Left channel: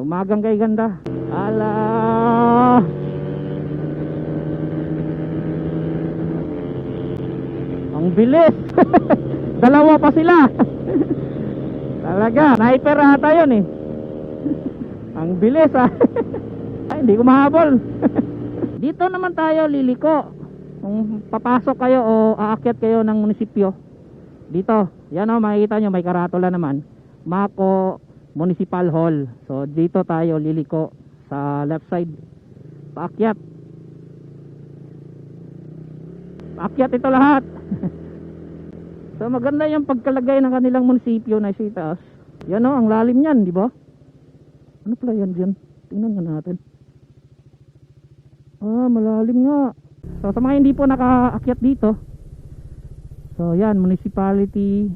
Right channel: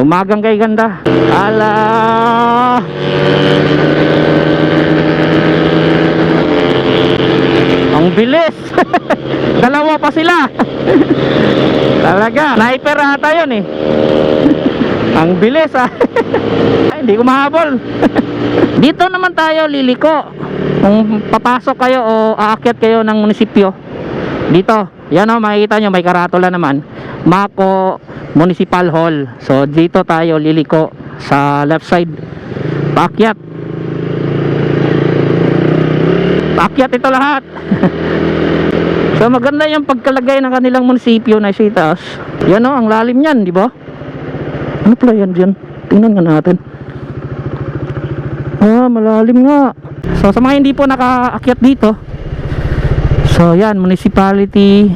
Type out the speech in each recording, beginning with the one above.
Umagang kay ganda. Ala! Ang bilis! Dalawa pa sila! Talaga, sniper ata yun eh. Ang bilis ah. Ay, hindi ko mahabol. Dito naman tayo liliko. Kung papasok kayo o aakyat kayo ng munisipyo. Dito, yan o, makikita nyo, may karatula naman. Mako Municipal Hall. So, dito tayo liliko sa left side. Paakyat. Paakyat ito lahat. so, maganda yung pagkalagay ng kanilang munisipyo na sa. Yan o, ang lalim yan, di ba? Ano pala yan dyan? Tingnan nga natin. Ah, malalim nga. So sa mga hindi po nakaakyat dito. So yan, Municipality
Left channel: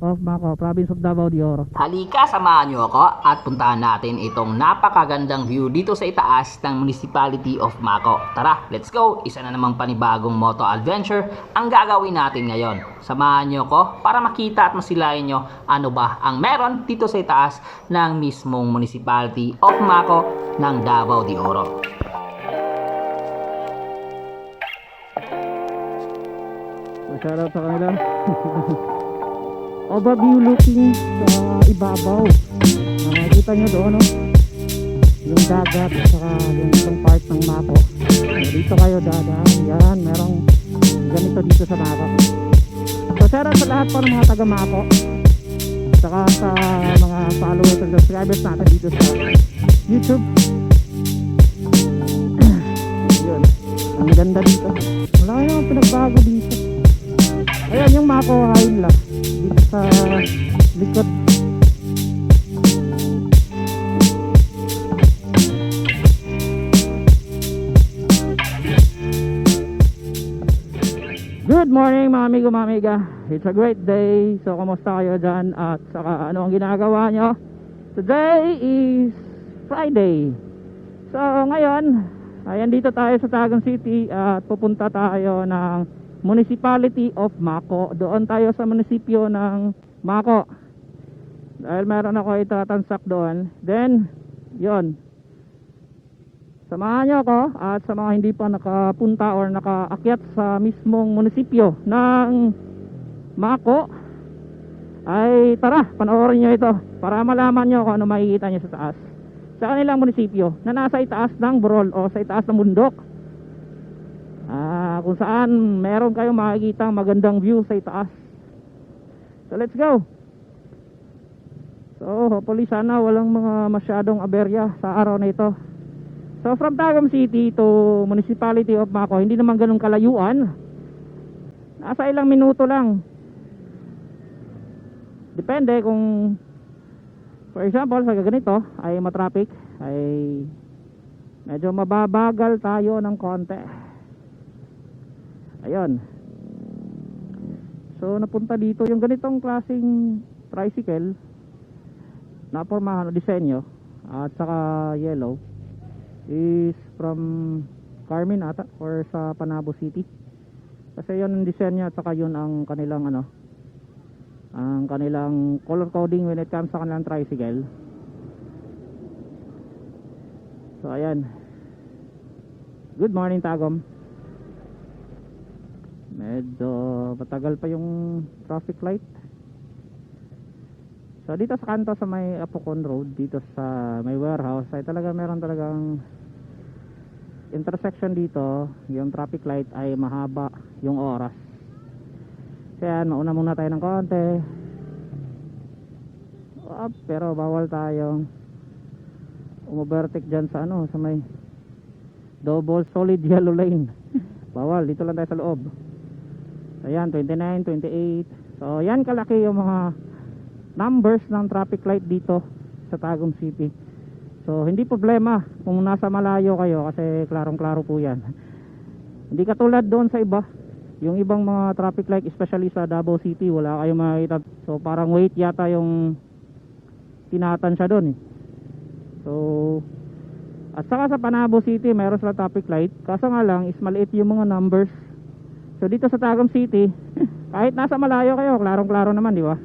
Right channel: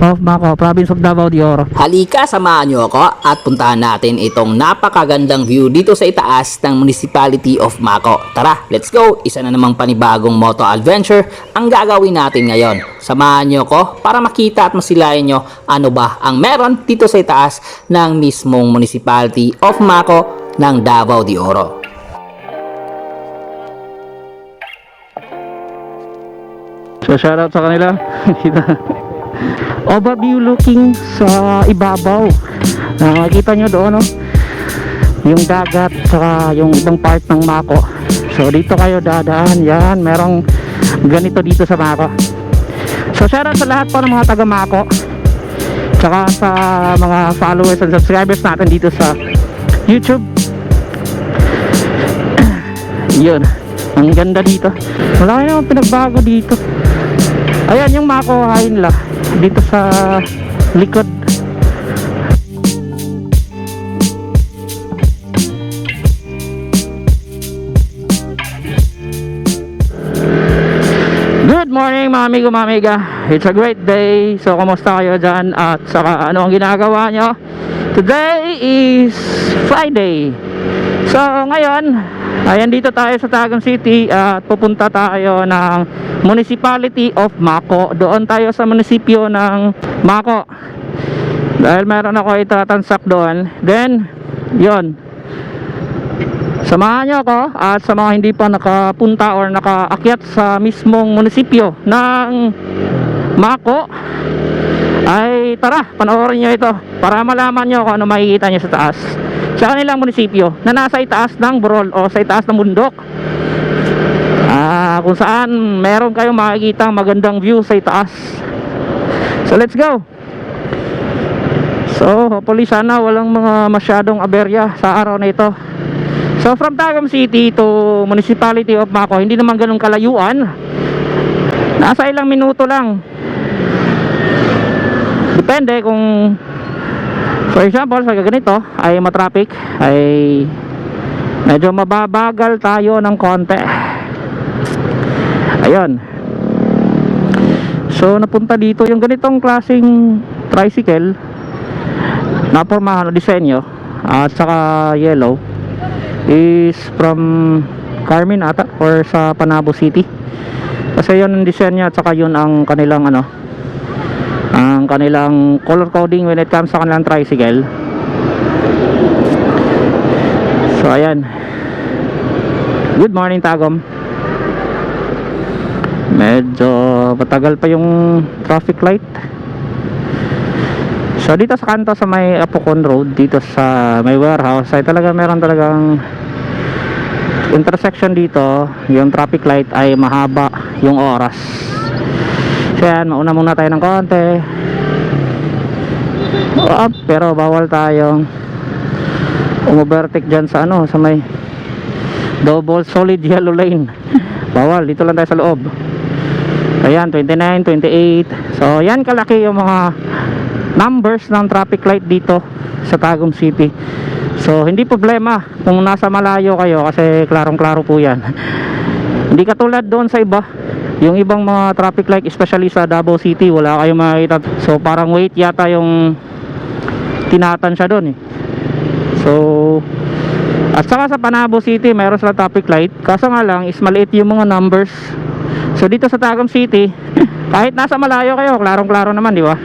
of Maco, Province of Davao de Oro. Halika, samahan niyo ako at puntahan natin itong napakagandang view dito sa itaas ng Municipality of Mako. Tara, let's go! Isa na namang panibagong moto adventure ang gagawin natin ngayon. Samahan niyo ako para makita at masilayan niyo ano ba ang meron dito sa itaas ng mismong Municipality of Mako ng Davao de Oro. So shoutout sa kanila. Overview looking sa ibabaw. Nakikita nyo doon, no? Yung dagat, saka yung ibang part ng Mako. So dito kayo dadaan. Yan, merong ganito dito sa Mako. So shoutout sa lahat po ng mga taga Mako. Saka sa mga followers and subscribers natin dito sa YouTube. Yun. Ang ganda dito. Wala namang pinagbago dito. Ayan yung Mako Hainla dito sa likod. Good morning mga amigo mga amiga. It's a great day. So kumusta kayo dyan? At saka ano ang ginagawa nyo? Today is Friday. So ngayon Ayan dito tayo sa Tagum City At pupunta tayo ng Municipality of Mako. Doon tayo sa munisipyo ng Mako. Dahil meron ako itatansak doon. Then Yon Samahan niyo ako at sa mga hindi pa nakapunta or nakaakyat sa mismong munisipyo ng Mako ay tara, panoorin niyo ito para malaman niyo kung ano makikita niyo sa taas sa kanilang munisipyo na nasa itaas ng burol o sa itaas ng bundok ah, kung saan meron kayong makikita magandang view sa itaas so let's go so hopefully sana walang mga masyadong aberya sa araw na ito So from Tagum City to Municipality of Mako, hindi naman ganun kalayuan. Nasa ilang minuto lang. Depende kung for example sa ganito ay matraffic ay medyo mababagal tayo ng konti. Ayun. So napunta dito yung ganitong klaseng tricycle na pormahan o disenyo at saka yellow is from Carmen ata or sa Panabo City kasi yun ang niya at saka yun ang kanilang ano ang kanilang color coding when it comes sa kanilang tricycle. So ayan. Good morning Tagom. Medyo matagal pa yung traffic light. So dito sa kanto sa may Apocon Road dito sa may warehouse ay talaga meron talagang intersection dito. Yung traffic light ay mahaba yung oras so yan mauna muna tayo ng konti. Up pero bawal tayong umovertake dyan sa ano sa may double solid yellow lane. Bawal dito lang tayo sa loob. Ayan 29, 28 so yan kalaki yung mga numbers ng traffic light dito sa Tagum City. So hindi problema kung nasa malayo kayo kasi klarong klaro po yan. Hindi katulad doon sa iba yung ibang mga traffic light especially sa Davao City wala kayong makikita. So parang wait yata yung tinatansya doon eh. So at saka sa Panabo City mayroon sila traffic light. Kaso nga lang is maliit yung mga numbers. So dito sa Tagum City kahit nasa malayo kayo klarong klaro naman di ba?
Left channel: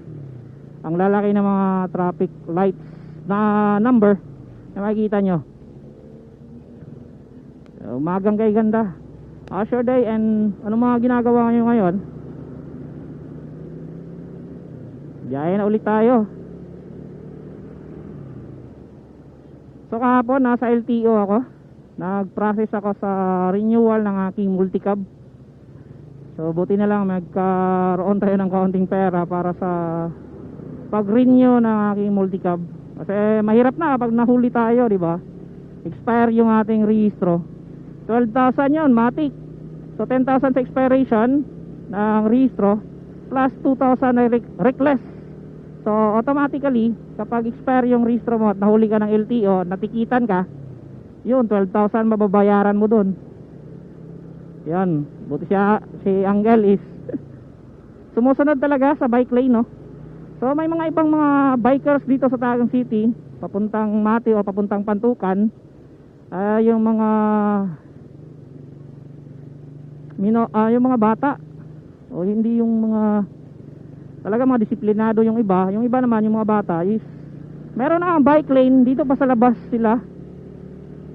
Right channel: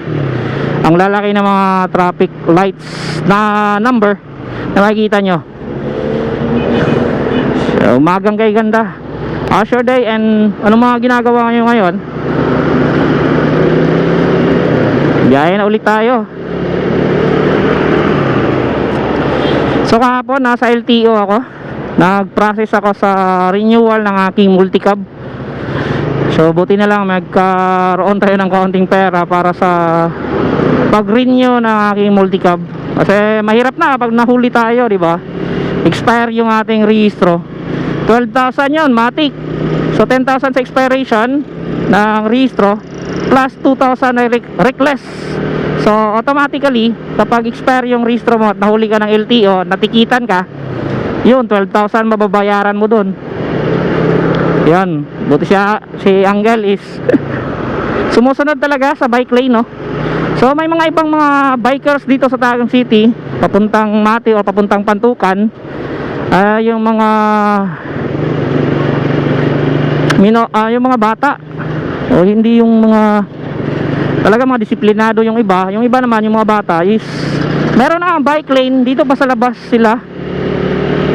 Ang lalaki ng mga traffic lights na number na makikita nyo. So, umagang kay ganda Asher Day. And ano mga ginagawa nyo ngayon? Biyahe na ulit tayo. So kahapon nasa LTO ako. Nag-process ako sa renewal ng aking multicab. So buti na lang magkaroon tayo ng kaunting pera para sa pag-renew ng aking multicab. Kasi mahirap na pag nahuli tayo di ba? Expire yung ating rehistro. 12,000 yun matic so 10,000 sa expiration ng rehistro plus 2,000 na rec- reckless. So automatically kapag expire yung rehistro mo at nahuli ka ng LTO natikitan ka yun 12,000 mababayaran mo dun. Yan buti siya si Angel is sumusunod talaga sa bike lane no? So may mga ibang mga bikers dito sa Tagum City papuntang Mati o papuntang Pantukan. Ah, yung mga mino, ah, yung mga bata. O hindi yung mga talaga mga disiplinado yung iba. Yung iba naman yung mga bata is meron na ang bike lane. Dito pa sa labas sila.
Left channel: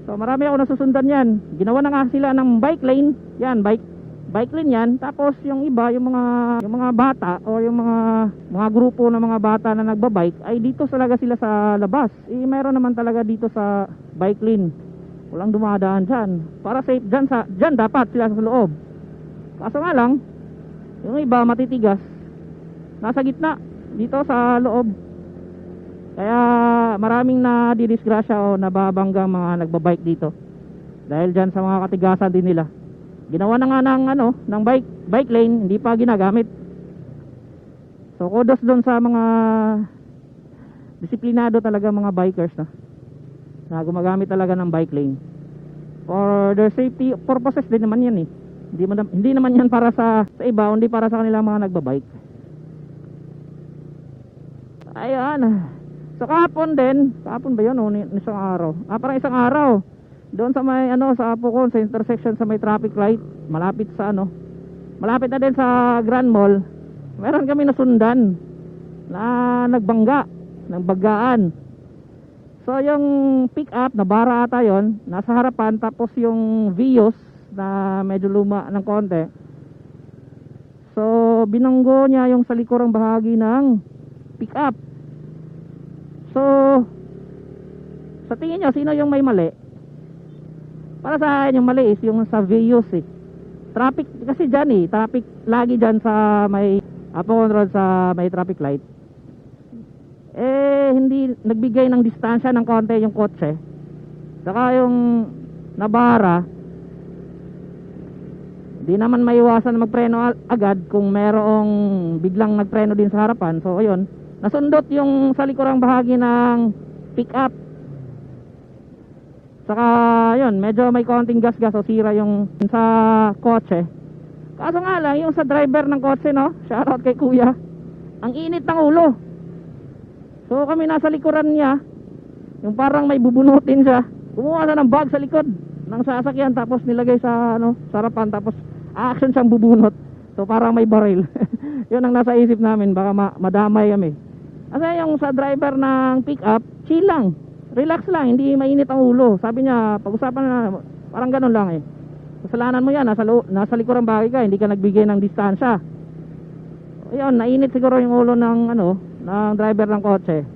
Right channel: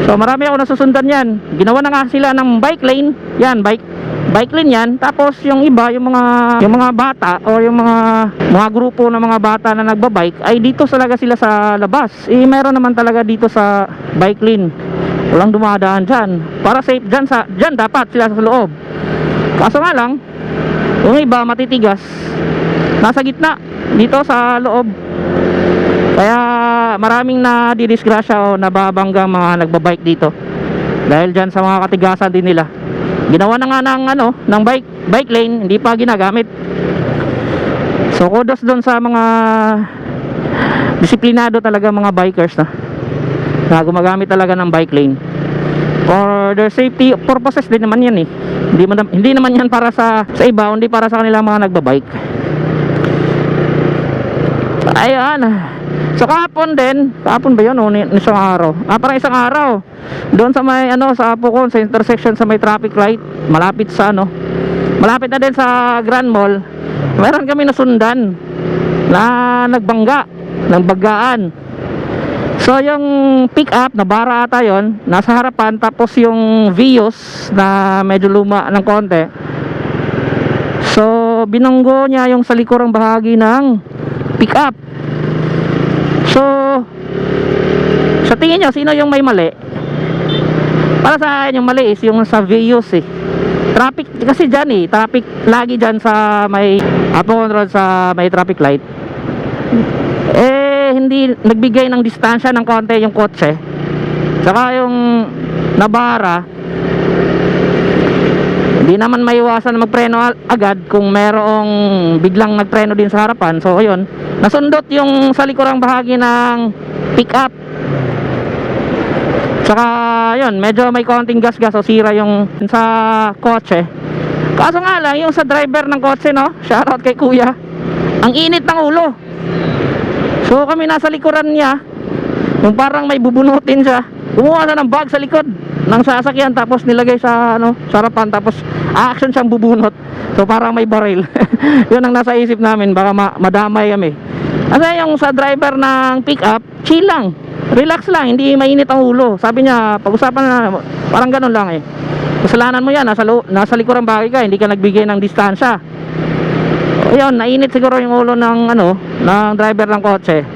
So marami ako nasusundan yan. Ginawa na nga sila ng bike lane. Yan bike bike lane yan. Tapos yung iba yung mga yung mga bata o yung mga mga grupo ng mga bata na nagbabike ay dito talaga sila sa labas. Eh meron naman talaga dito sa bike lane. Walang dumadaan dyan. Para safe dyan, sa, dyan dapat sila sa loob kaso nga lang yung iba matitigas. Nasa gitna dito sa loob. Kaya maraming na didisgrasya o nababangga mga nagbabike dito. Dahil dyan sa mga katigasan din nila. Ginawa na nga ng ano ng bike bike lane hindi pa ginagamit. So kudos doon sa mga disiplinado talaga mga bikers na na gumagamit talaga ng bike lane for their safety purposes din naman yan eh. Hindi, man, hindi naman yan para sa sa iba hindi para sa kanila mga nagbabike. Ayan. So kahapon din kahapon ba yun o isang araw? Ah parang isang araw. Doon sa may ano sa Apocon sa intersection sa may traffic light malapit sa ano malapit na din sa Grand Mall. Meron kami nasundan na nagbangga ng baggaan So yung pick up na bara ata yun Nasa harapan tapos yung Vios na medyo luma ng konti. So binanggo niya yung sa likurang bahagi ng pick up So Sa tingin niyo sino yung may mali? Para sa akin yung mali is yung sa Vios eh. Traffic kasi dyan eh Traffic lagi dyan sa may Apo Road sa may traffic light. Eh hindi nagbigay ng distansya ng konti yung kotse. Saka yung nabara hindi naman maiwasan na magpreno agad kung merong biglang nagpreno din sa harapan. So ayun. Nasundot yung sa likurang bahagi ng pick up saka yun medyo may konting gas-gas o sira yung sa kotse. Kaso nga lang yung sa driver ng kotse no? Shoutout kay kuya. Ang init ng ulo So kami nasa likuran niya Yung parang may bubunutin siya Kumuha siya ng bag sa likod ng sasakyan tapos nilagay sa ano, sa harapan tapos action siyang bubunot. So parang may baril. 'Yun ang nasa isip namin baka ma- madamay kami. Kasi yung sa driver ng pickup, chill lang. Relax lang, hindi mainit ang ulo. Sabi niya, pag-usapan na parang ganun lang eh. Kasalanan mo 'yan, nasa nasa likuran bagay ka, hindi ka nagbigay ng distansya. Ayun, nainit siguro yung ulo ng ano, ng driver ng kotse.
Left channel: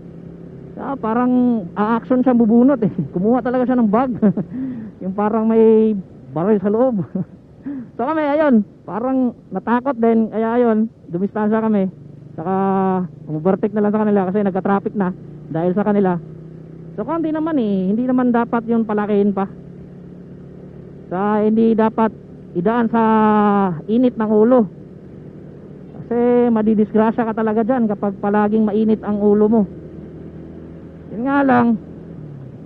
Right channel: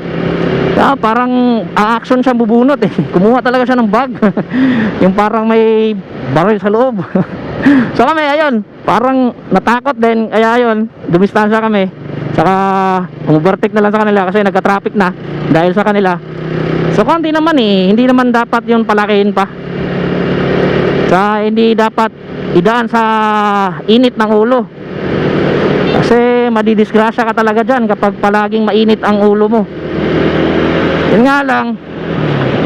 Kaya parang a-action siya bubunot eh. Kumuha talaga siya ng bag. yung parang may baril sa loob. so kami, ayun, parang natakot din. Kaya ayun, dumistansya kami. Saka umubertik na lang sa kanila kasi nagka-traffic na dahil sa kanila. So konti naman eh, hindi naman dapat yun palakihin pa. Sa hindi dapat idaan sa init ng ulo. Kasi madidisgrasya ka talaga dyan kapag palaging mainit ang ulo mo. Yun nga lang.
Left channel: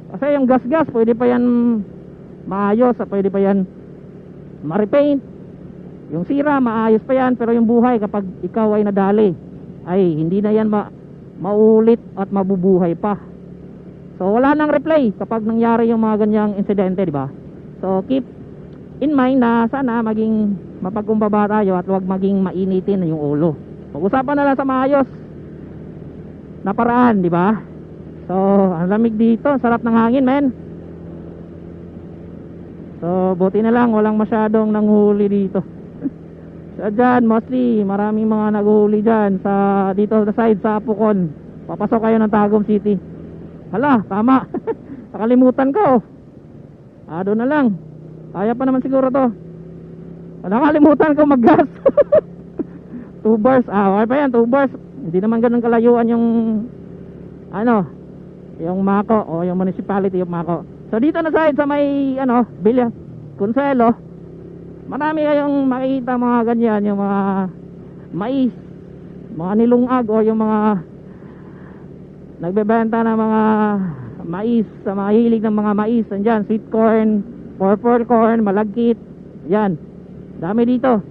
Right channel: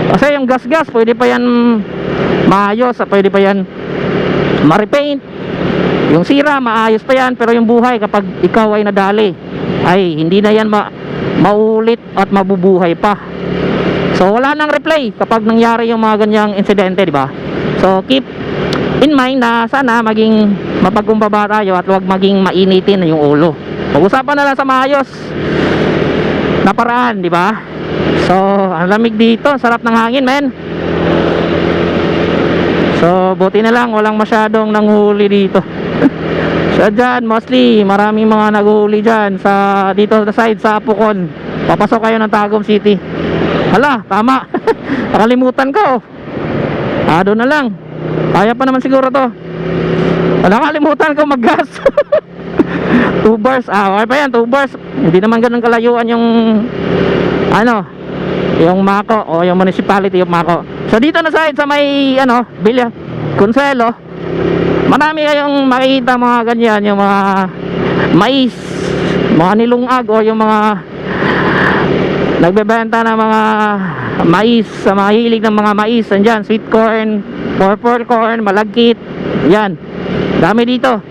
Kasi yung gas-gas, pwede pa yan maayos, pwede pa yan ma-repaint. Yung sira, maayos pa yan. Pero yung buhay, kapag ikaw ay nadali, ay hindi na yan ma maulit at mabubuhay pa. So wala nang replay kapag nangyari yung mga ganyang insidente, di ba? So keep in mind na sana maging mapagkumbaba tayo at huwag maging mainitin yung ulo. Pag-usapan na lang sa maayos na paraan, di ba? So, ang lamig dito, sarap ng hangin, men. So, buti na lang walang masyadong nanghuli dito. so, dyan, mostly, maraming mga naghuli dyan sa, dito sa side, sa Apukon. Papasok kayo ng Tagum City. Hala, tama. Nakalimutan ko. Ah, doon na lang. Kaya pa naman siguro to. Wala kalimutan ko mag-gas. 2 bars. Ah, okay pa yan, 2 bars. Hindi naman ganun kalayuan yung ano, yung Mako o yung municipality of Mako. So dito na side sa may ano, Bilya, Consuelo. Marami kayong makikita mga ganyan, yung mga mais, mga nilungag o yung mga nagbebenta ng mga mais, sa mga hilig ng mga mais, andyan, sweet corn, purple corn, malagkit, yan. Dami dito.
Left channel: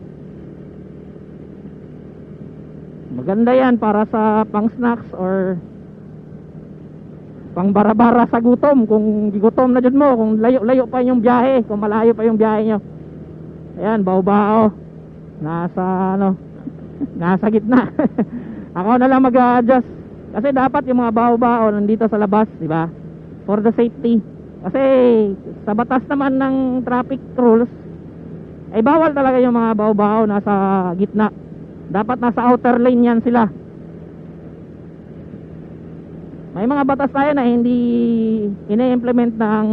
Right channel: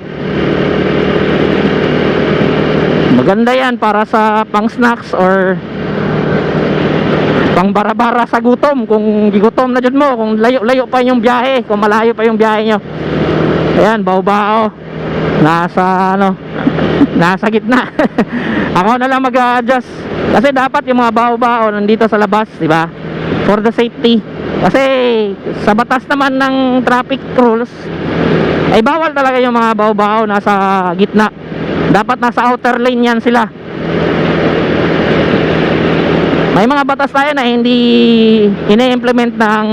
Maganda yan para sa pang snacks or pang bara-bara sa gutom. Kung gigutom na dyan mo kung layo-layo pa yung biyahe kung malayo pa yung biyahe nyo. Ayan bao-bao. Nasa ano nasa gitna. Ako na lang mag-adjust kasi dapat yung mga bao-bao nandito sa labas di ba? For the safety kasi sa batas naman ng traffic rules ay bawal talaga yung mga bao-bao nasa gitna. Dapat nasa outer lane yan sila. May mga batas tayo na hindi ine-implement ng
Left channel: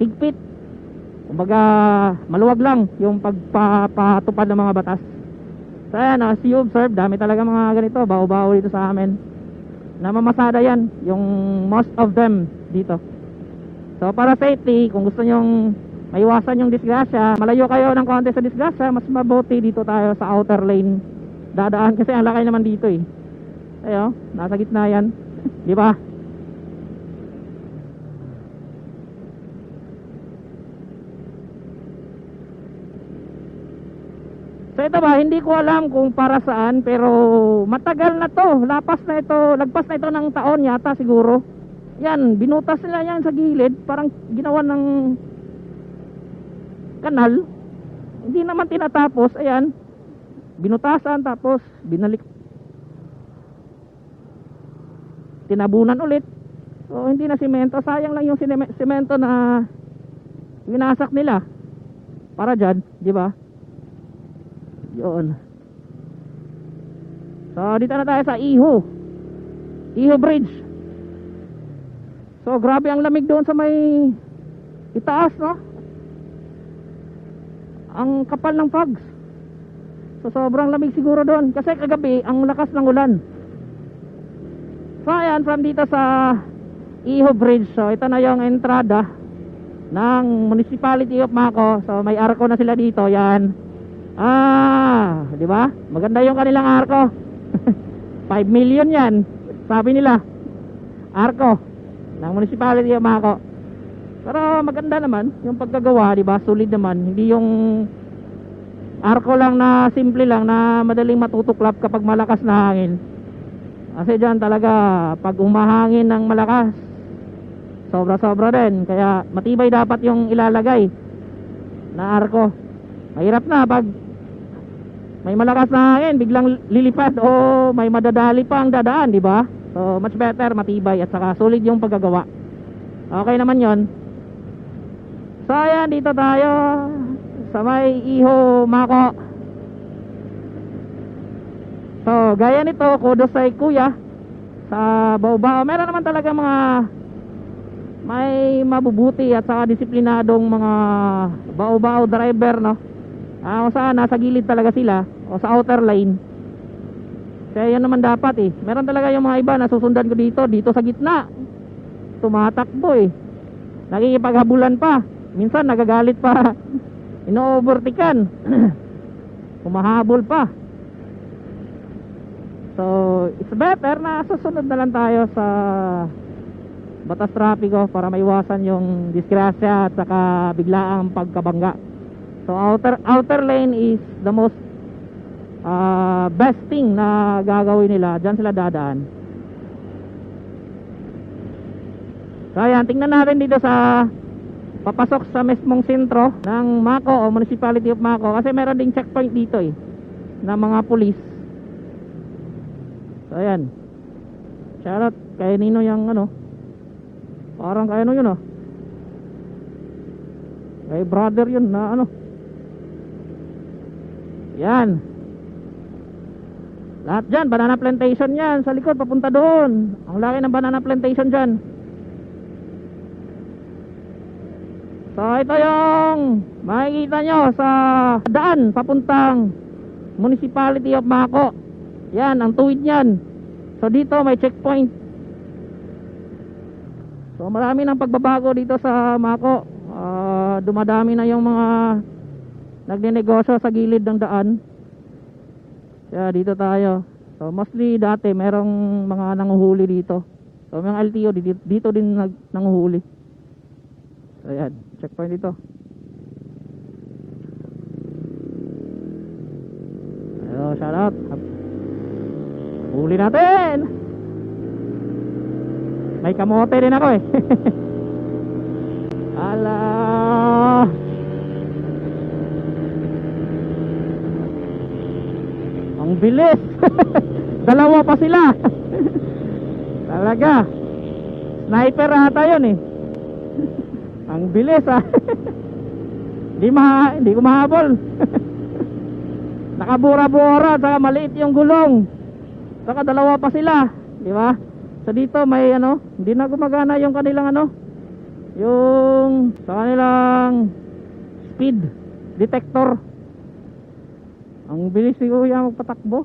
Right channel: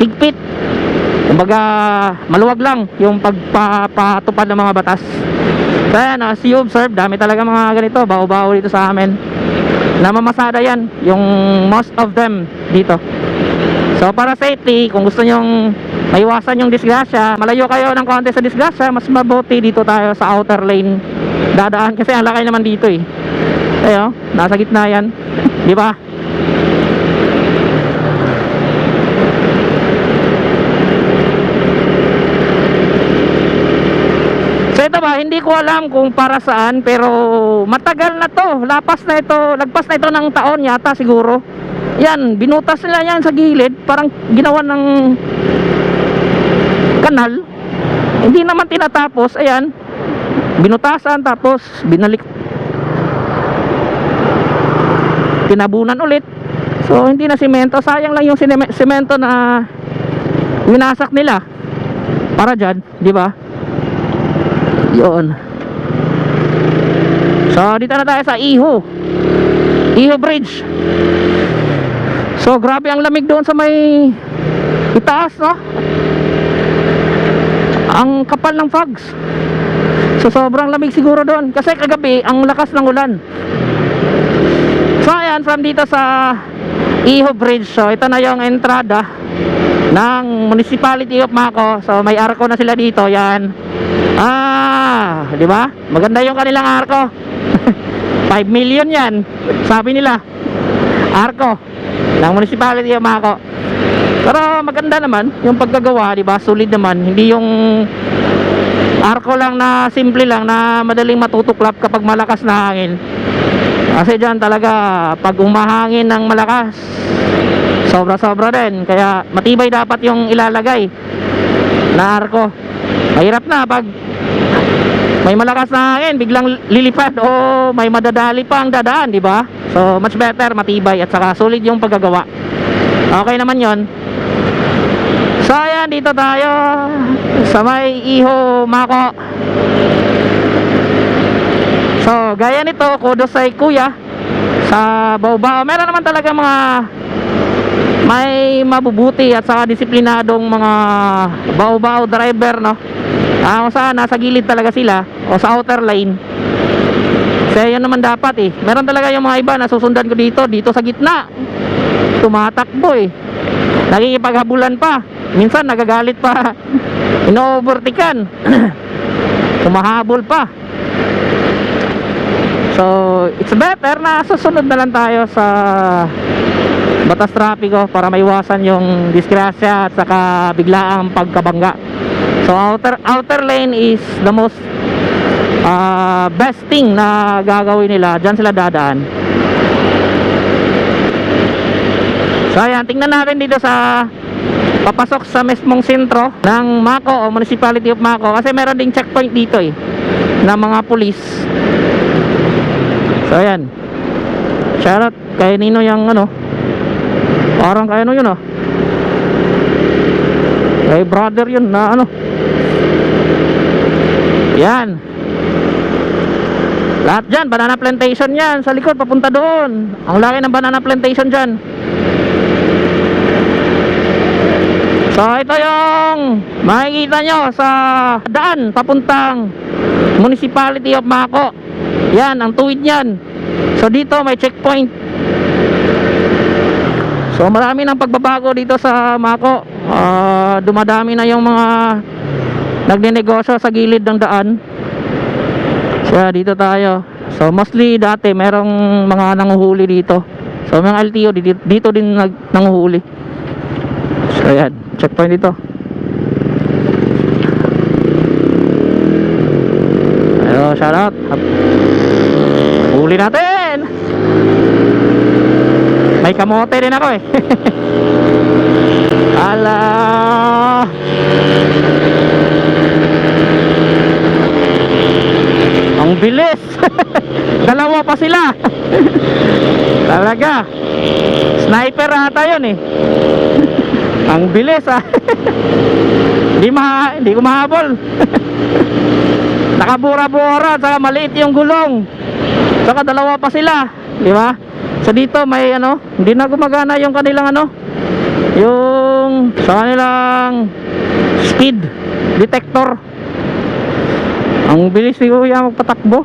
higpit. Kumbaga maluwag lang yung pagpapatupad ng mga batas. Kaya na you observe dami talaga mga ganito bao-bao dito sa amin namamasada yan yung most of them dito so para safety kung gusto nyong maiwasan yung disgrasya malayo kayo ng konti sa disgrasya mas mabuti dito tayo sa outer lane dadaan kasi ang lakay naman dito eh Ayo, nasa gitna yan. Di ba? So ito ba, hindi ko alam kung para saan pero matagal na to. Lapas na ito, lagpas na ito ng taon yata siguro. Yan, binutas nila yan sa gilid, parang ginawa ng kanal. Hindi naman tinatapos, ayan. Binutasan tapos binalik tinabunan ulit so hindi na simento sayang lang yung semento na winasak nila para dyan di ba yun so dito na tayo sa Iho Iho Bridge so grabe ang lamig doon sa may itaas no ang kapal ng fogs so sobrang lamig siguro doon kasi kagabi ang lakas ng ulan So ayan, from dito sa Iho Bridge. So ito na yung entrada ng Municipality of Mako. So may arko na sila dito. Yan. Ah, di ba? Maganda yung kanilang arko. 5 million yan. Sabi nila. Arko ng Municipality of Mako. Pero maganda naman yung pagkagawa, di ba? Solid naman. Hindi yung arko lang na simple lang na madaling matutuklap kapag malakas na hangin. Kasi dyan talaga pag umahangin ng malakas sobra sobra din kaya matibay dapat yung ilalagay na arko mahirap na pag may malakas na hangin biglang lilipad o may madadali pa ang dadaan di ba so much better matibay at saka solid yung paggagawa okay naman yon so ayan dito tayo sa may iho mako So, gaya nito, kudos sa kuya sa Baobao. Meron naman talaga mga may mabubuti at saka disiplinadong mga Baobao driver, no? Ah, kung saan nasa gilid talaga sila o sa outer lane. Kaya yun naman dapat eh. Meron talaga yung mga iba na susundan ko dito, dito sa gitna. Tumatakbo eh. Nakikipaghabulan pa. Minsan nagagalit pa. Ino-overtikan. Kumahabol pa. So, it's better na susunod na lang tayo sa batas trapiko para maiwasan yung disgrasya at saka biglaang pagkabangga. So, outer outer lane is the most uh, best thing na gagawin nila. Diyan sila dadaan. So, ayan, tingnan natin dito sa papasok sa mismong sentro ng Mako o Municipality of Mako kasi meron ding checkpoint dito eh ng mga pulis So ayan. Shoutout kay Nino yung ano. Parang kay ano yun ah. Kay brother yun na ano. Yan. Lahat dyan, banana plantation yan. Sa likod, papunta doon. Ang laki ng banana plantation dyan. So, ito yung makikita nyo sa daan papuntang Municipality of Mako. Yan, ang tuwid yan. So, dito may checkpoint. So, marami ng pagbabago dito sa Mako. Ah, dumadami na yung mga nagnenegosyo sa gilid ng daan. Kaya dito tayo. So mostly dati merong mga nanguhuli dito. So mga LTO dito, dito din nag, nanguhuli. So ayan, checkpoint dito. Ayo, shout out. Huli natin. May kamote din ako eh. Ala. Ang bilis. Dalawa pa sila. Talaga. Sniper ata yun eh. Ang bilis ah. Hindi ma hindi ko. Nakabura-bura saka maliit yung gulong. Saka dalawa pa sila, di ba? So dito may ano, hindi na gumagana yung kanilang ano, yung sa kanilang speed detector. Ang bilis ni Kuya magpatakbo.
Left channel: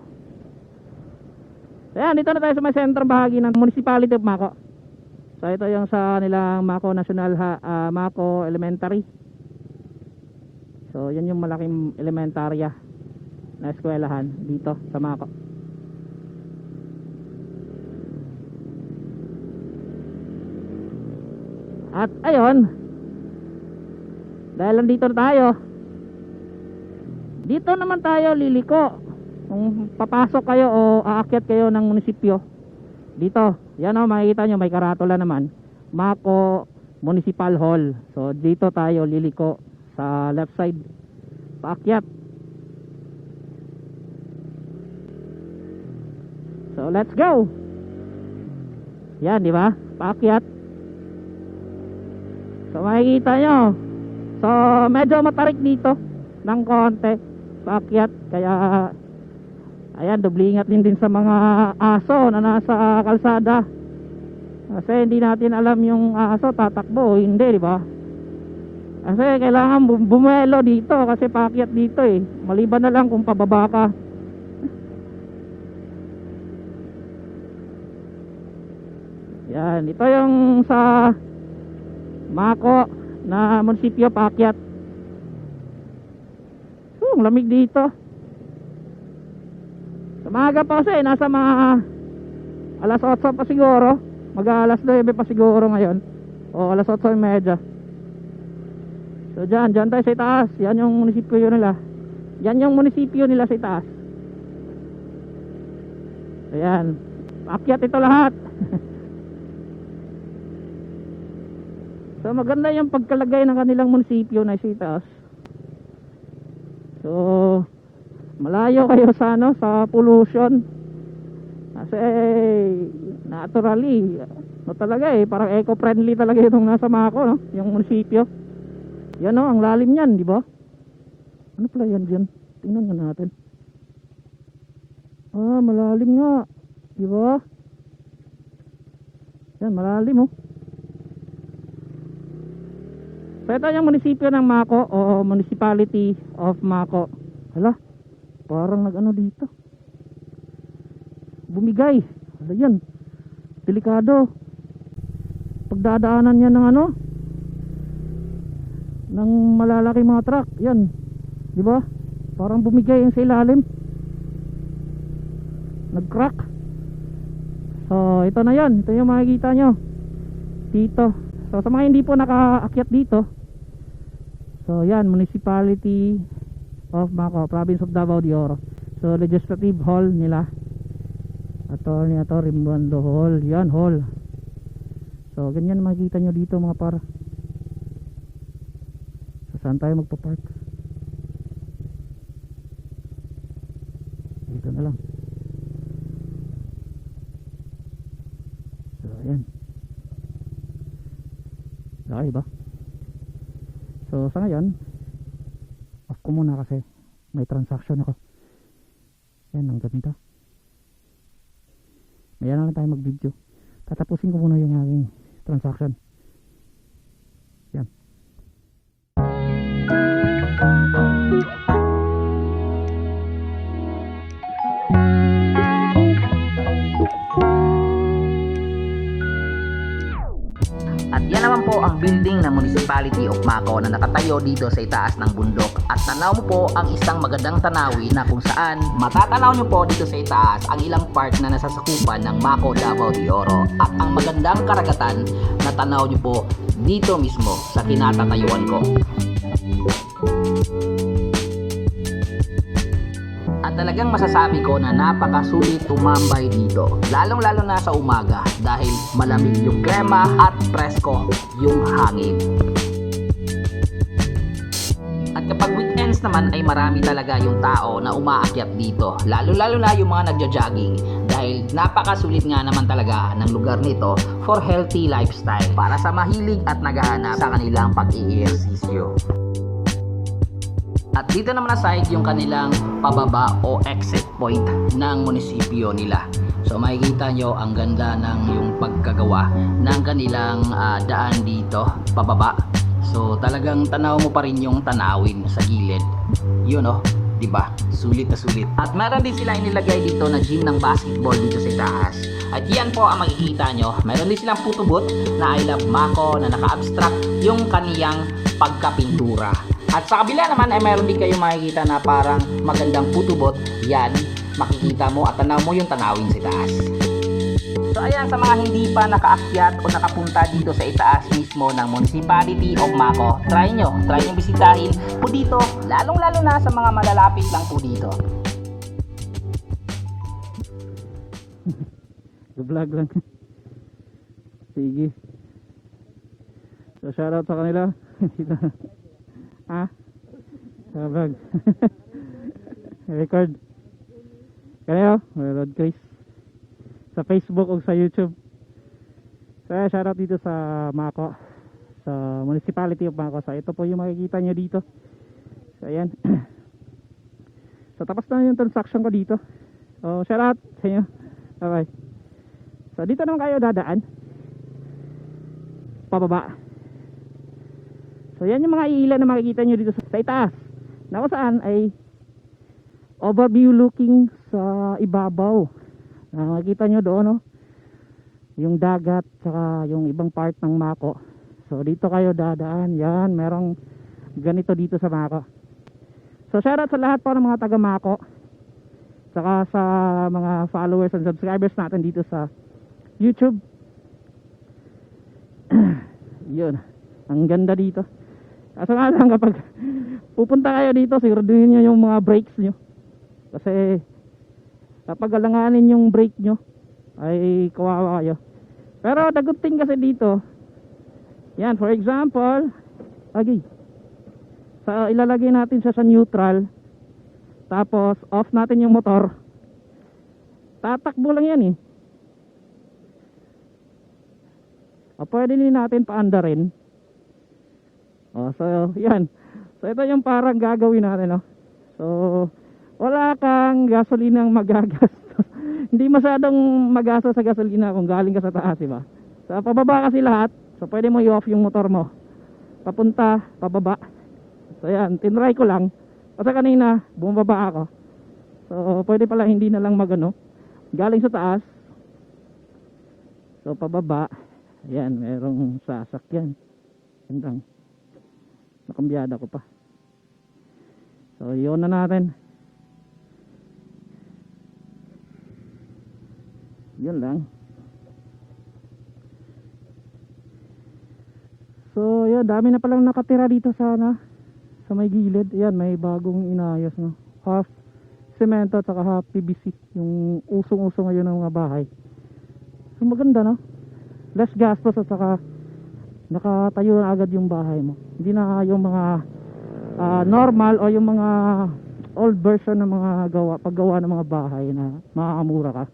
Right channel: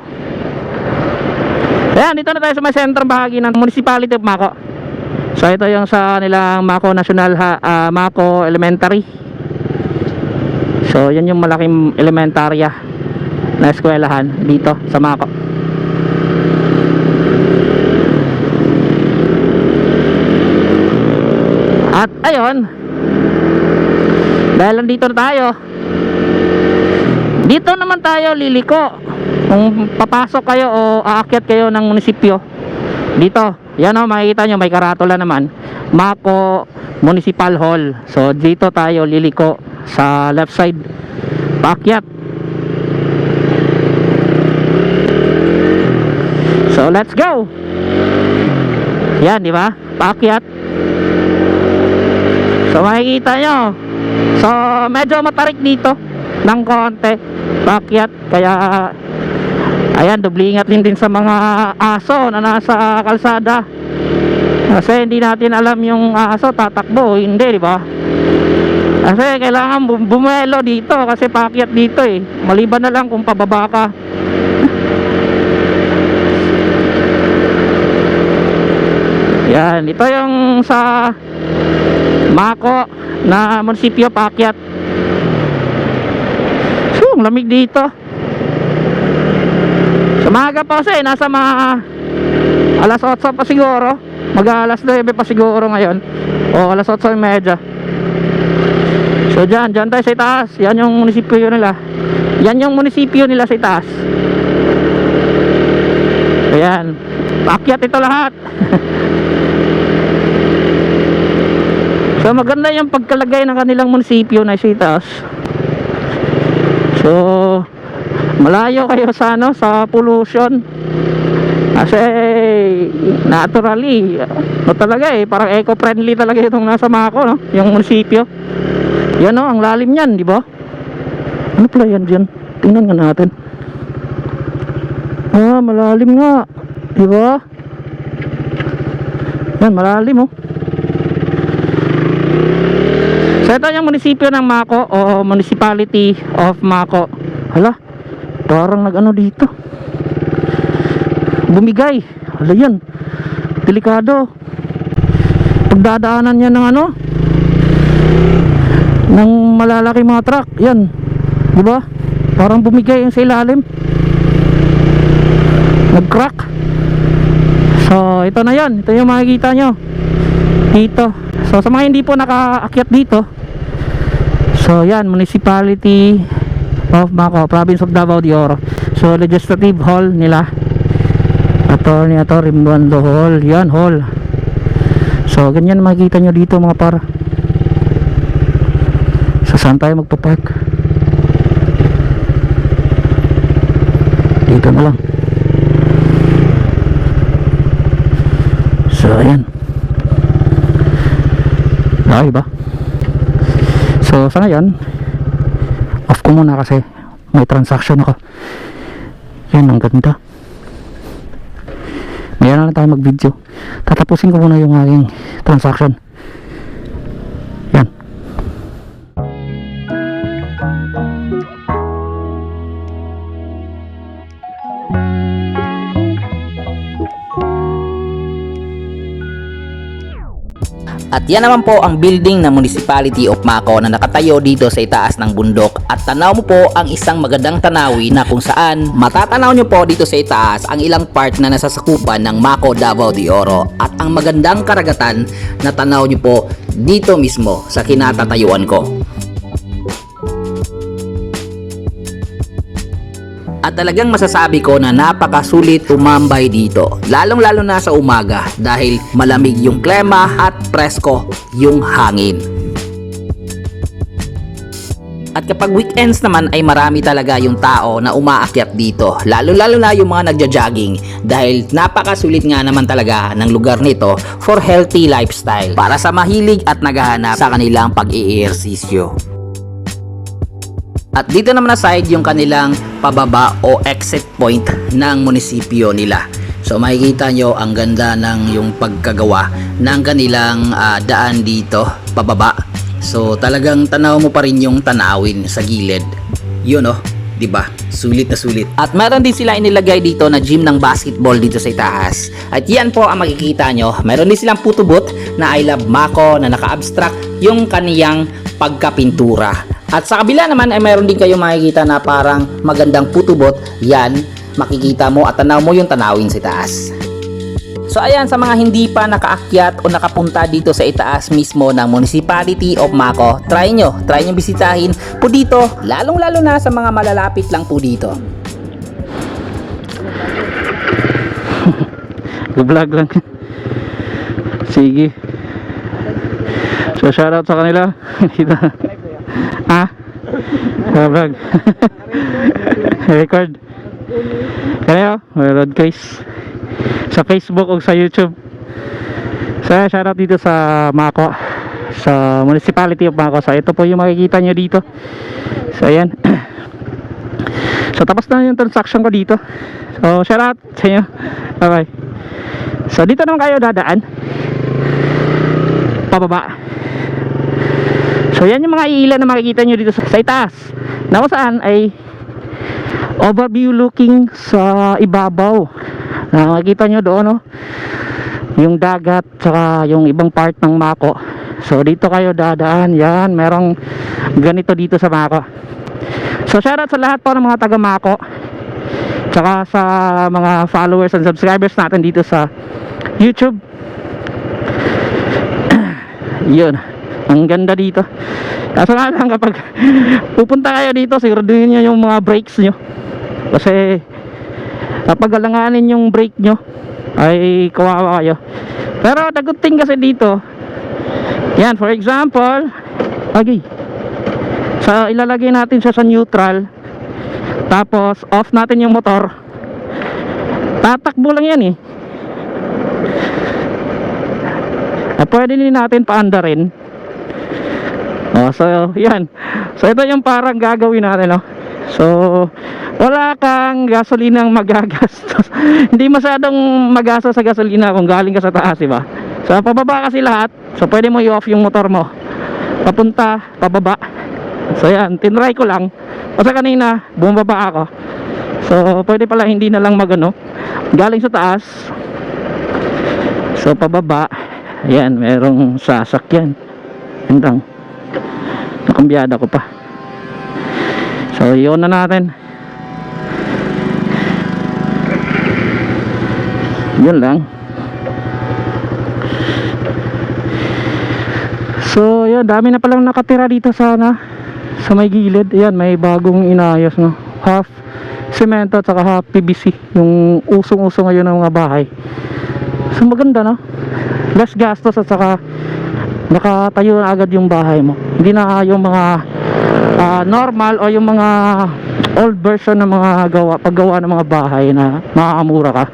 Ayan, dito na tayo sa may sentrong bahagi ng Municipality of Mako. So ito yung sa nilang Mako National ha, ah, Mako Elementary. So yan yung malaking elementarya na eskwelahan dito sa Mako. At ayun, dahil nandito na tayo, dito naman tayo liliko. Kung papasok kayo o aakyat kayo ng munisipyo, dito, yan o, makikita nyo, may karatula naman. Mako Municipal Hall. So, dito tayo liliko sa left side. Paakyat. So, let's go. Yan, di ba? Paakyat. So, makikita nyo. So, medyo matarik dito ng konti. Paakyat. Kaya, ayan, doble ingat din din sa mga aso na nasa kalsada. Kasi hindi natin alam yung aso tatakbo hindi, di ba? Kasi kailangan bum- bumelo dito kasi paakyat dito eh. Maliban na lang kung pababa ka. Yan, ito yung sa Mako na munisipyo paakyat. Ang lamig dito. Sa maga pa kasi, nasa mga alas 8 pa siguro. Mag alas 9 pa siguro ngayon. O alas 8 medya. So dyan, dyan tayo sa itaas. Yan yung munisipyo nila. Yan yung munisipyo nila sa itaas. Ayan. Paakyat ito lahat. so maganda yung pagkalagay ng kanilang munisipyo na sa itaas. So malayo kayo sa ano sa pollution. Kasi naturally no talaga eh parang eco-friendly talaga itong nasa Mako no, yung munisipyo. Yan no, ang lalim niyan, di ba? Ano pala yan diyan? Tingnan nga natin. Ah, malalim nga. Di ba? Yan, malalim oh. So ito yung munisipyo ng Mako o Municipality of Mako. Hala, parang nag-ano dito. Bumigay. Hala yan. Delikado. Pagdadaanan yan ng ano? Ng malalaki mga truck. Yan. Di ba? Parang bumigay yung sa ilalim. Nag-crack. So, ito na yan. Ito yung makikita nyo. Dito. So, sa mga hindi po nakaakyat dito. So, yan. Municipality of Mako, Province of Davao de Oro. So, Legislative Hall nila. Attorney ato Rimbondo Hall. Yan, hall. So, ganyan makikita nyo dito mga para. So, saan tayo magpa-park? Dito na lang. So, ayan. Laki ba? So, sa ngayon, off ko muna kasi may transaction ako. Yan, ang ganda. Ngayon na lang tayo mag-video. Tatapusin ko muna yung aking transaction. Yan naman po ang building ng Municipality of Mako na nakatayo dito sa itaas ng bundok. At tanaw mo po ang isang magandang tanawin na kung saan matatanaw nyo po dito sa itaas ang ilang part na nasasakupan ng Mako Davao de Oro. At ang magandang karagatan na tanaw nyo po dito mismo sa kinatatayuan ko. At talagang masasabi ko na napakasulit tumambay dito. Lalong lalo na sa umaga dahil malamig yung klema at presko yung hangin. At kapag weekends naman ay marami talaga yung tao na umaakyat dito. Lalo-lalo na yung mga nagja-jogging dahil napakasulit nga naman talaga ng lugar nito for healthy lifestyle para sa mahilig at naghahanap sa kanilang pag-iirsisyo. At dito naman na side yung kanilang pababa o exit point ng munisipyo nila. So makikita nyo ang ganda ng yung pagkagawa ng kanilang ah, daan dito pababa. So talagang tanaw mo pa rin yung tanawin sa gilid. Yun oh, 'di ba? Sulit na sulit. At meron din sila inilagay dito na gym ng basketball dito sa itaas. At yan po ang makikita nyo. Meron din silang putubot na I love Mako na naka-abstract yung kaniyang pagkapintura. At sa kabila naman ay meron din kayo makikita na parang magandang putubot. Yan, makikita mo at tanaw mo yung tanawin sa itaas. So ayan sa mga hindi pa nakaakyat o nakapunta dito sa itaas mismo ng Municipality of Mako, try nyo, try nyo bisitahin po dito, lalong lalo na sa mga malalapit lang po dito. Vlog lang. Sige. So shoutout sa kanila. Sa vlog. Record. Kaya may road case. Sa Facebook o sa YouTube. So shoutout dito sa Mako. Sa Municipality of Mako. So ito po yung makikita nyo dito. So ayan. So tapos na yung transaction ko dito. So shoutout sa inyo. Bye bye. So dito naman kayo dadaan. Pababa. So yan yung mga ilan na makikita nyo dito sa, sa itaas. Na kung saan ay overview looking sa ibabaw. Na makikita nyo doon no. Yung dagat saka yung ibang part ng Mako. So dito kayo dadaan. Yan, merong ganito dito sa Mako. So shoutout sa lahat po ng mga taga Mako. Tsaka sa mga followers and subscribers natin dito sa YouTube. Yun. Ang ganda dito. Kaso nga lang kapag pupunta kayo dito, siguraduhin nyo yung mga brakes nyo. Kasi kapag alanganin yung brake nyo, ay kawawa kayo. Pero the good thing kasi dito, yan, for example, okay, sa ilalagay natin siya sa neutral, tapos off natin yung motor, tatakbo lang yan eh. At pwede din natin paandarin. Oh, so yan. So ito yung parang gagawin natin, no. So wala kang gasolinang magagastos. Hindi masyadong magastos sa gasolina kung galing ka sa taas, di ba? So pababa kasi lahat. So pwede mo i-off yung motor mo. Papunta, pababa. So yan, tinry ko lang. Kasi kanina, bumaba ako. So pwede pala hindi na lang magano. Galing sa taas. So pababa. Ayan, merong sasakyan. Hintang. Nakambyada ko pa. So, yun na natin. Yun lang. So, yun, dami na palang nakatira dito sana sa may gilid. Ayan, may bagong inayos, no. Half semento at saka half PVC. Yung usong-uso ngayon ng mga bahay. So, maganda, no? less gastos at saka nakatayo na agad yung bahay mo hindi na yung mga ah, normal o yung mga old version ng mga gawa, paggawa ng mga bahay na makakamura ka.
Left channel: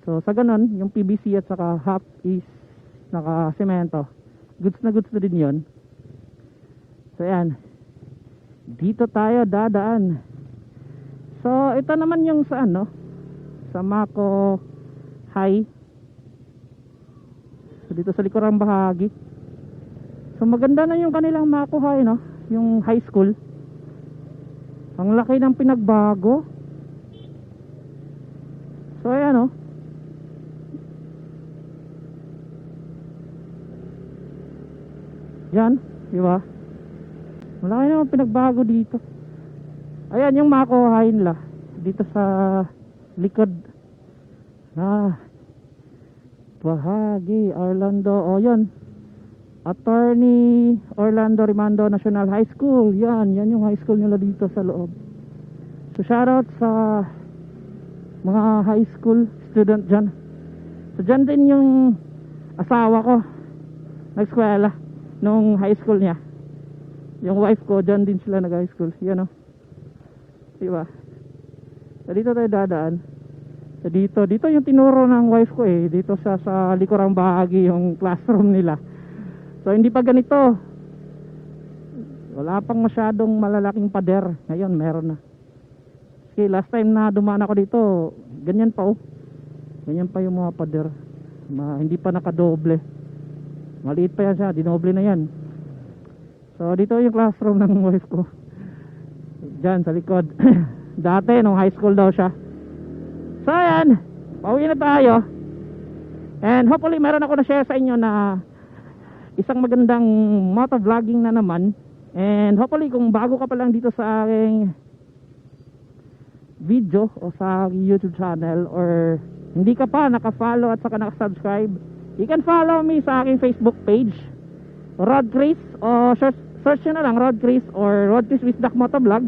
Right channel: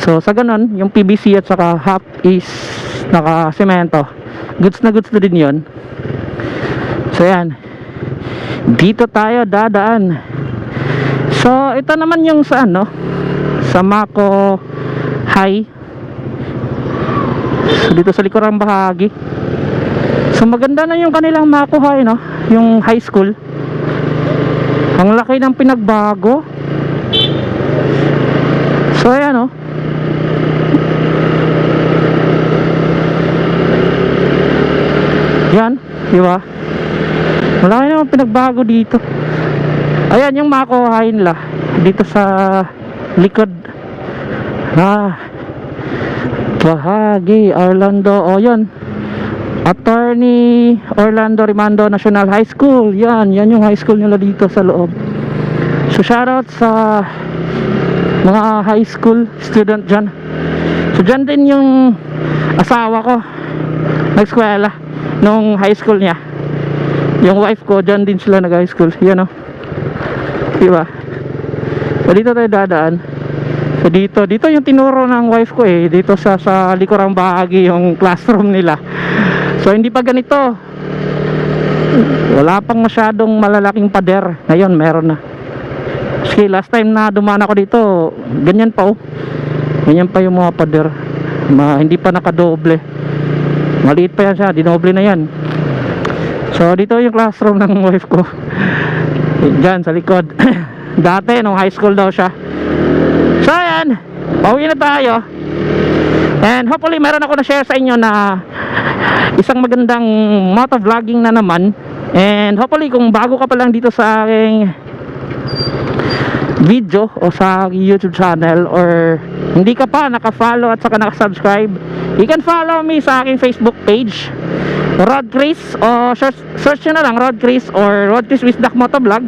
So sa ganun, yung PVC at saka half is naka semento. Goods na goods na din 'yon. So yan. Dito tayo dadaan. So ito naman yung sa ano, sa Mako High. So dito sa likurang bahagi. So maganda na yung kanilang Mako High no, yung high school. Ang laki ng pinagbago. So ayan oh. Yan, di ba? Malaki naman pinagbago dito. Ayan yung makuhain nila dito sa likod. Ah. Bahagi Orlando. O yan. Attorney Orlando Rimando National High School. Yan, yan yung high school nila dito sa loob. So shoutout sa mga high school student dyan. So dyan din yung asawa ko nag-eskwela nung high school niya. Yung wife ko, dyan din sila nag-high school. Yan o. Diba? So dito tayo dadaan. So dito, dito yung tinuro ng wife ko eh. Dito sa, sa likurang bahagi yung classroom nila. So hindi pa ganito. Wala pang masyadong malalaking pader. Ngayon meron na. Sige, last time na dumaan ako dito, ganyan pa oh. Ganyan pa yung mga pader. Ma, hindi pa nakadoble. Maliit pa yan siya, dinoble na yan. So dito yung classroom ng wife ko. Diyan sa likod. Dati nung high school daw siya. So ayan, pauwi na tayo. And hopefully meron ako na share sa inyo na isang magandang moto vlogging na naman. And hopefully kung bago ka pa lang dito sa aking video o sa YouTube channel or hindi ka pa naka-follow at saka naka-subscribe, you can follow me sa aking Facebook page Rod Chris o search, search na lang Rod Chris or Rod Chris Wisdak Motovlog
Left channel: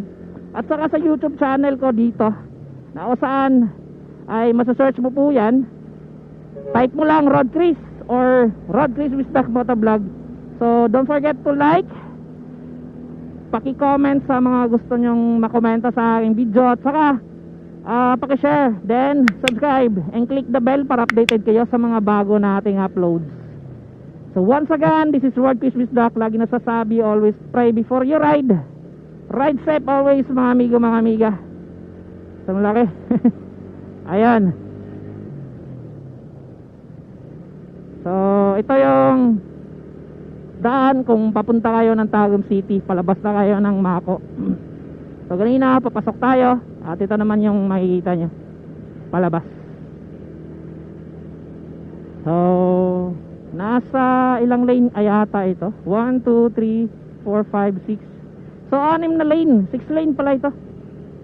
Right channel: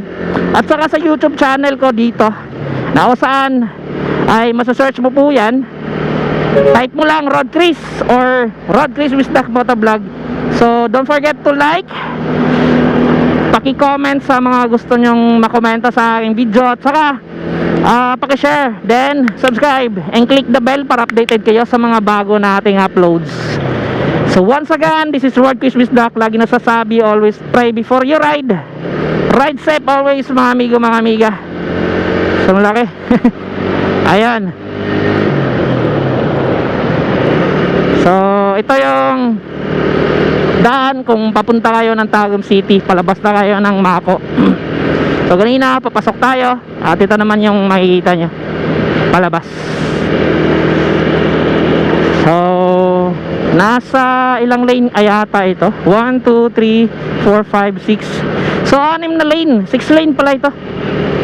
at saka sa YouTube channel ko dito na kung saan ay masasearch mo po yan type mo lang Rod Chris or Rod Chris Wisdak Motovlog so don't forget to like paki-comment sa mga gusto nyong makomenta sa aking video at saka ah paki-share then subscribe and click the bell para updated kayo sa mga bago nating uploads. So once again this is Rod Chris Wisdak lagi nasasabi always pray before you ride. Ride safe always mga amigo mga amiga. So malaki ayan so ito yung daan kung papunta kayo ng Tagum City palabas na kayo ng Mako. So kanina papasok tayo at ito naman yung makikita nyo palabas. So nasa ilang lane ay ata ito? 1, 2, 3, 4, 5, 6 so anim na lane. 6 lane pala ito.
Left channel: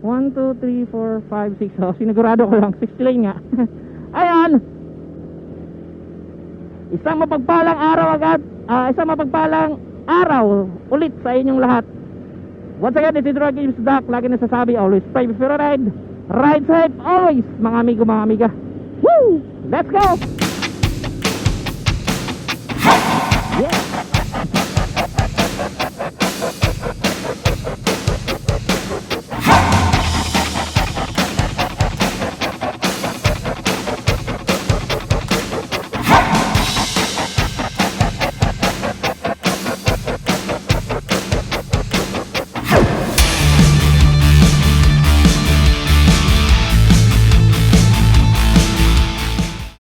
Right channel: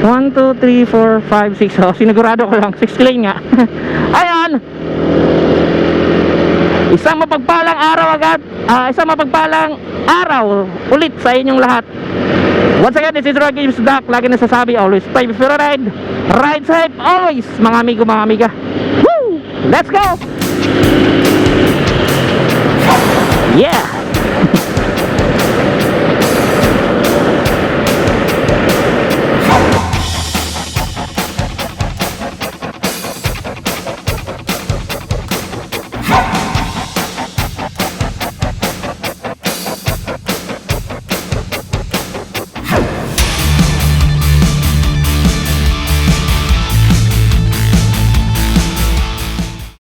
1, 2, 3, 4, 5, 6 so sinigurado ko lang. 6 lane nga. Ayan Isang mapagpalang araw agad, uh, isang mapagpalang araw ulit sa inyong lahat. Once again, this is Rocky James Duck. Lagi nasasabi, always pay before a ride. Ride safe always, mga amigo, mga amiga. Woo! Let's go! Yeah!